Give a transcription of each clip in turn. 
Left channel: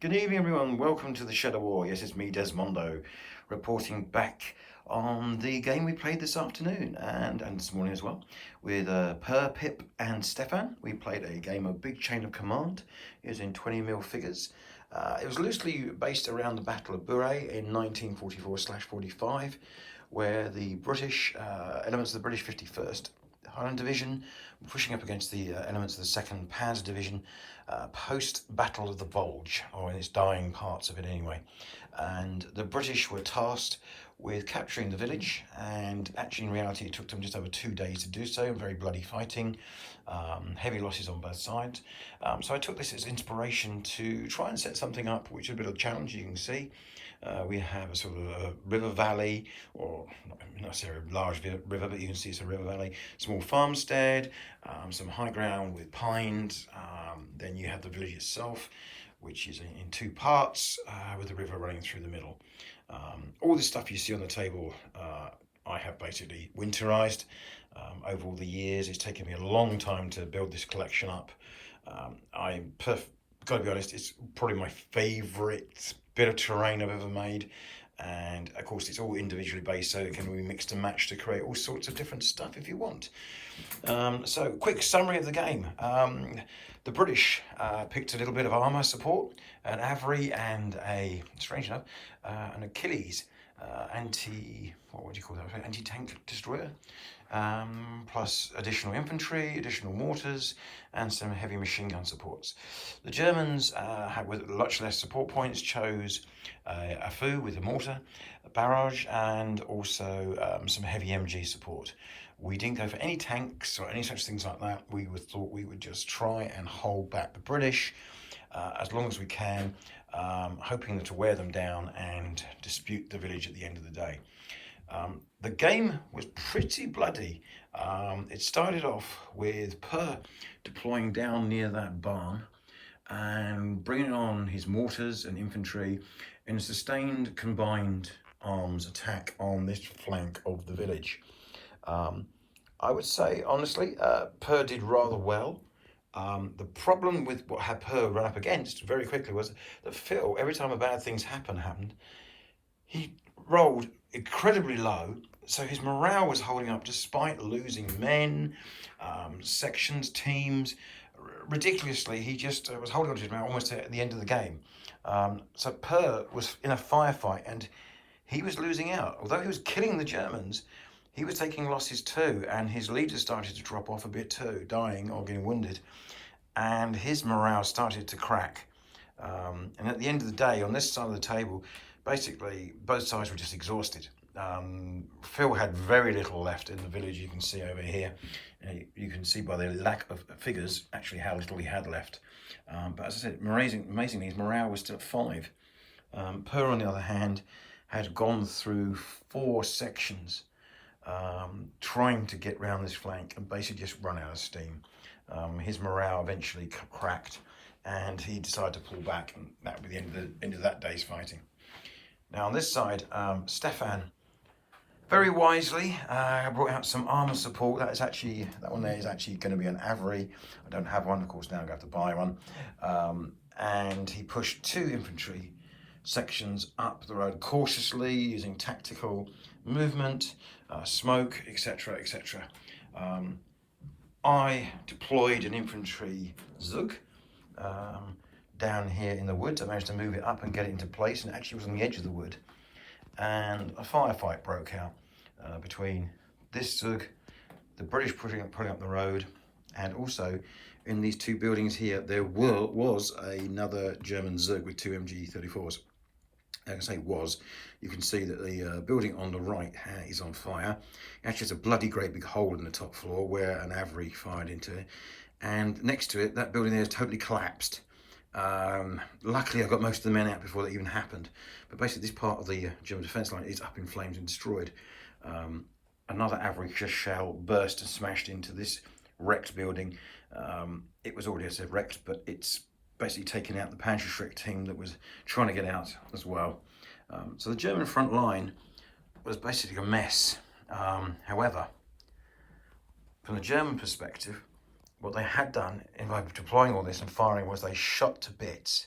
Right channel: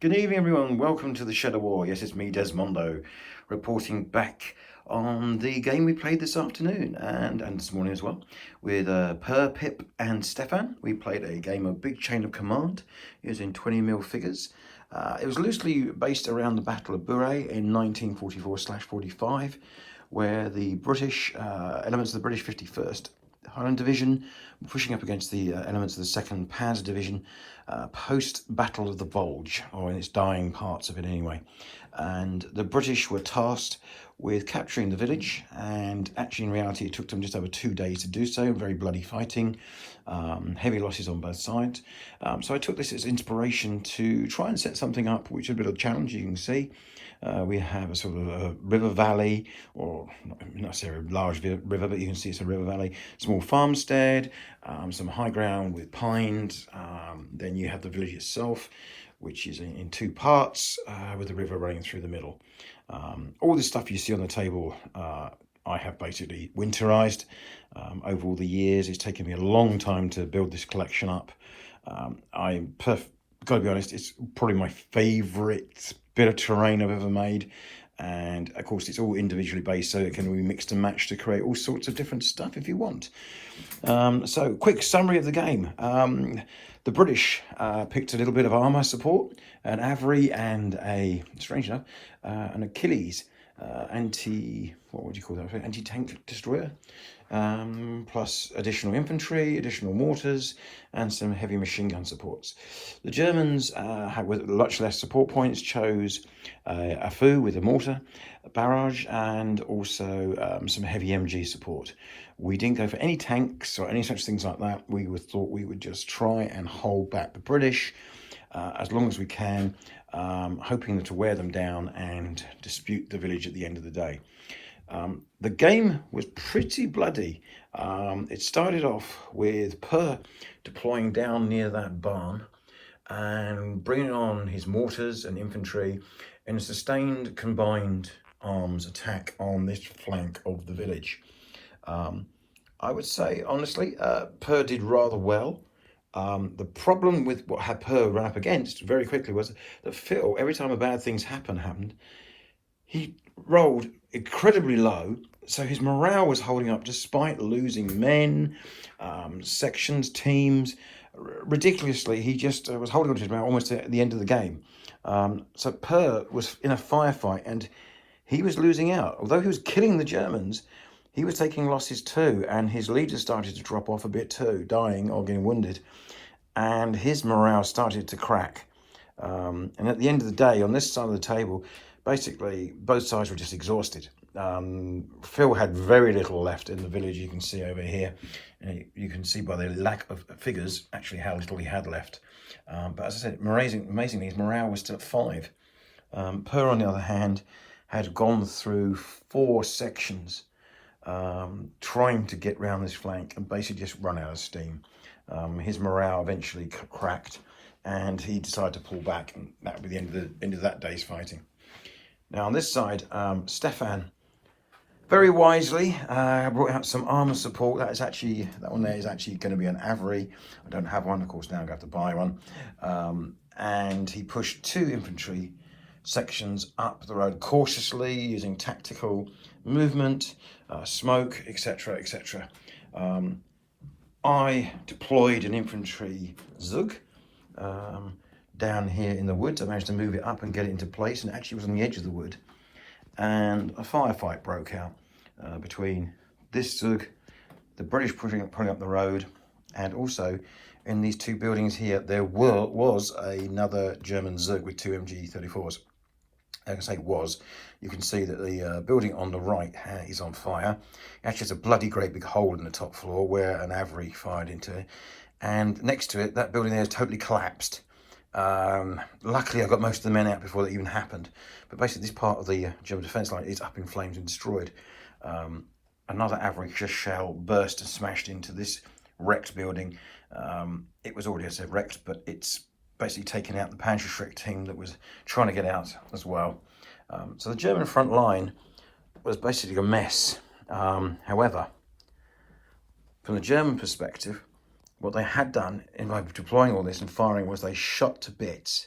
Good evening, everyone. Welcome to the Shadow War. Yes, it's me, Desmondo, reporting back on the game we played this afternoon and this morning as well with Per, Pip, and Stefan. We played a game of Big Chain of Command using 20mm figures. It was loosely based around the Battle of Bure in 1944/45, where the British elements of the British 51st Highland Division pushing up against the elements of the 2nd Panzer Division post-Battle of the Bulge, or in its dying parts of it anyway. And the British were tasked with capturing the village, and actually in reality it took them just over 2 days to do so. Very bloody fighting, heavy losses on both sides. So I took this as inspiration to try and set something up which is a bit of a challenge. You can see we have a sort of a river valley, or not necessarily a large river, but you can see it's a river valley, small farmstead, some high ground with pines. Then you have the village itself, which is in two parts with the river running through the middle. All this stuff you see on the table I have basically winterized over all the years. It's taken me a long time to build this collection up. Gotta be honest, it's probably my favorite bit of terrain I've ever made, and of course it's all individually based, so it can be mixed and matched to create all sorts of different stuff if you want. So quick summary of the game. The British picked a little bit of armour support, an Avery and strange enough, an Achilles what would you call that? Anti-tank destroyer, plus additional infantry, additional mortars, and some heavy machine gun supports. The Germans, with much less support points, chose a Fu with a mortar, a barrage, and also some heavy MG support. We didn't go for any tanks or any such things like that. We thought we would just try and hold back the British as long as we can, hoping to wear them down and dispute the village at the end of the day. The game was pretty bloody. It started off with Per deploying down near that barn and bringing on his mortars and infantry in a sustained combined arms attack on this flank of the village. I would say, honestly, Per did rather well. The problem with what had Per run up against very quickly was that Phil, every time a bad thing happened, he rolled incredibly low, so his morale was holding up despite losing men, sections, teams. Ridiculously, he just was holding on to his morale almost at the end of the game. So Per was in a firefight and he was losing out. Although he was killing the Germans, he was taking losses too, and his leaders started to drop off a bit too, dying or getting wounded, and his morale started to crack. And at the end of the day, on this side of the table, basically both sides were just exhausted. Phil had very little left in the village. You can see over here, you can see by the lack of figures actually how little he had left. But as I said, amazingly, his morale was still at 5. Per, on the other hand, had gone through 4 sections trying to get round this flank and basically just run out of steam. His morale eventually cracked and he decided to pull back, and that would be the end of that day's fighting. Now on this side, Stefan very wisely brought out some armour support. That one there is actually going to be an Avery. I don't have one, of course, now I'm going to have to buy one. And he pushed 2 infantry sections up the road cautiously using tactical movement, smoke, etc, etc. I deployed an infantry Zug down here in the woods. I managed to move it up and get it into place, and it actually was on the edge of the wood. And a firefight broke out between this Zug, the British pulling up the road, and also in these 2 buildings here there was another German Zug with 2 MG34s. Like I say, you can see that the building on the right is on fire. Actually, there's a bloody great big hole in the top floor where an Avery fired into it, and next to it, that building there is totally collapsed. Luckily, I got most of the men out before that even happened. But basically, this part of the German defence line is up in flames and destroyed. Another Avery shell burst and smashed into this wrecked building. It was already, as I said, wrecked, but it's basically taken out the Panzerschreck team that was trying to get out as well. So the German front line was basically a mess. However, from the German perspective, what they had done in deploying all this and firing was they shot to bits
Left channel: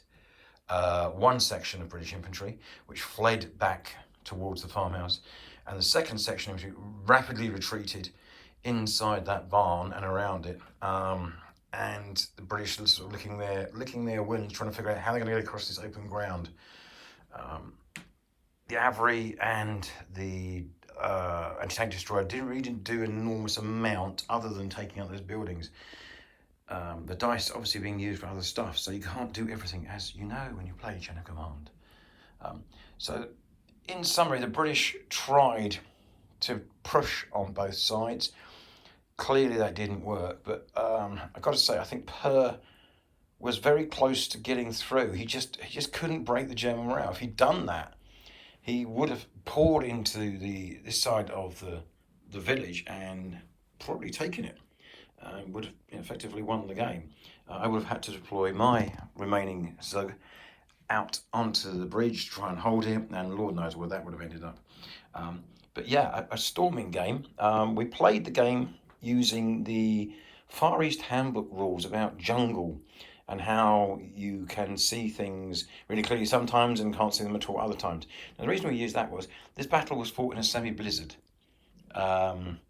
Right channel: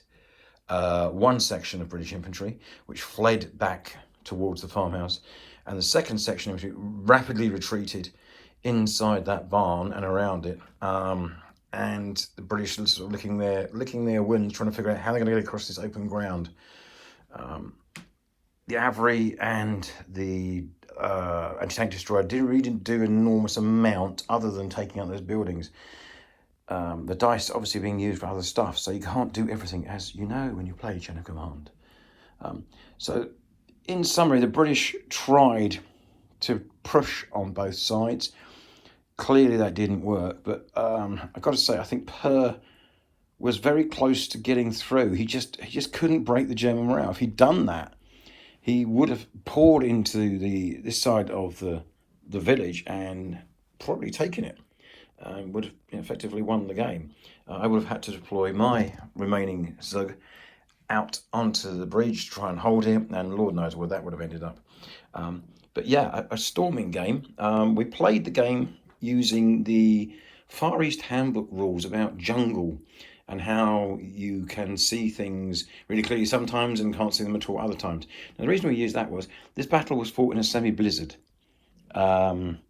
one section of British infantry, which fled back towards the farmhouse, and the second section of infantry rapidly retreated inside that barn and around it. And the British are sort of licking their wounds, trying to figure out how they're going to get across this open ground. The Avery and the anti-tank destroyer really didn't do an enormous amount other than taking out those buildings. The dice obviously being used for other stuff, so you can't do everything, as you know, when you play Chain of Command. So in summary, the British tried to push on both sides. Clearly that didn't work, but I've got to say, I think Bure was very close to getting through. He just couldn't break the German morale. If he'd done that, he would have poured into this side of the village and probably taken it. Would have effectively won the game. I would have had to deploy my remaining Zug out onto the bridge to try and hold him, and Lord knows where that would have ended up. But yeah, a storming game. We played the game using the Far East Handbook rules about jungle and how you can see things really clearly sometimes and can't see them at all other times. Now, the reason we used that was this battle was fought in a semi-blizzard.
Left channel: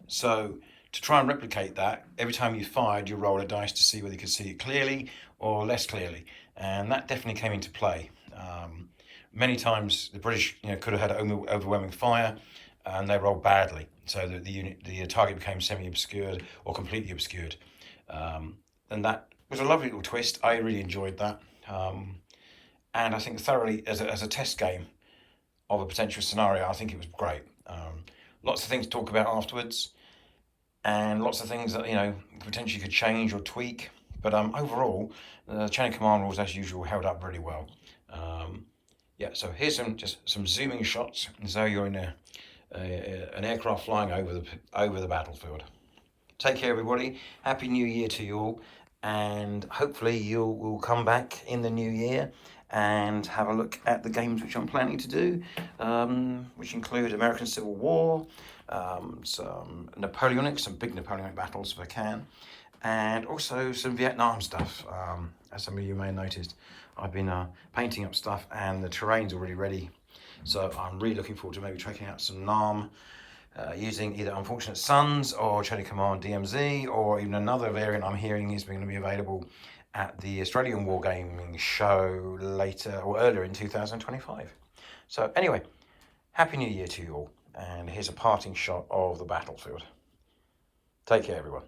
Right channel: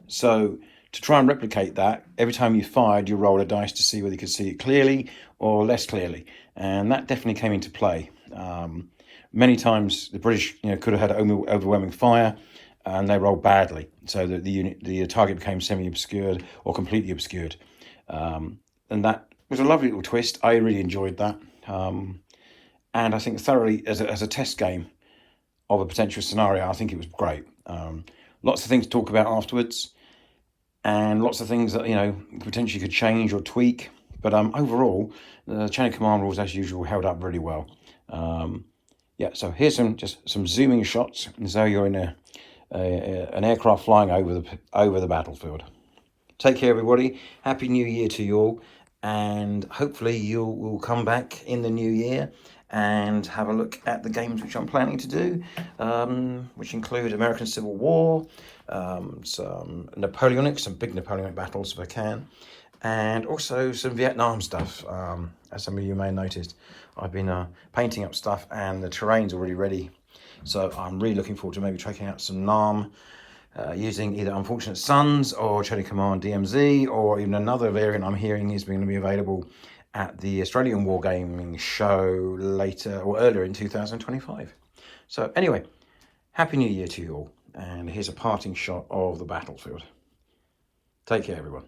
So to try and replicate that, every time you fired, you roll a dice to see whether you could see it clearly or less clearly. And that definitely came into play. Many times the British could have had overwhelming fire, and they rolled badly, so that the target became semi-obscured or completely obscured. And that was a lovely little twist. I really enjoyed that. And I think thoroughly, as a test game of a potential scenario, I think it was great. Lots of things to talk about afterwards, and lots of things that potentially could change or tweak. But overall, the Chain of Command rules, as usual, held up really well. Yeah, so here's some zooming shots, as though you're in an aircraft flying over the battlefield. Take care, everybody. Happy New Year to you all, and hopefully you'll come back in the new year and have a look at the games which I'm planning to do, which include American Civil War, some Napoleonic, some big Napoleonic battles if I can, and also some Vietnam stuff. As some of you may have noticed, I've been painting up stuff, and the terrain's already ready. So I'm really looking forward to maybe checking out some NAM, using either Unfortunate Sons or Chain of Command DMZ, or even another variant I'm hearing is going to be available at the Australian Wargaming show later or earlier in 2025. So anyway, Happy New Year to you all, and here's a parting shot of the battlefield. Take care, everyone.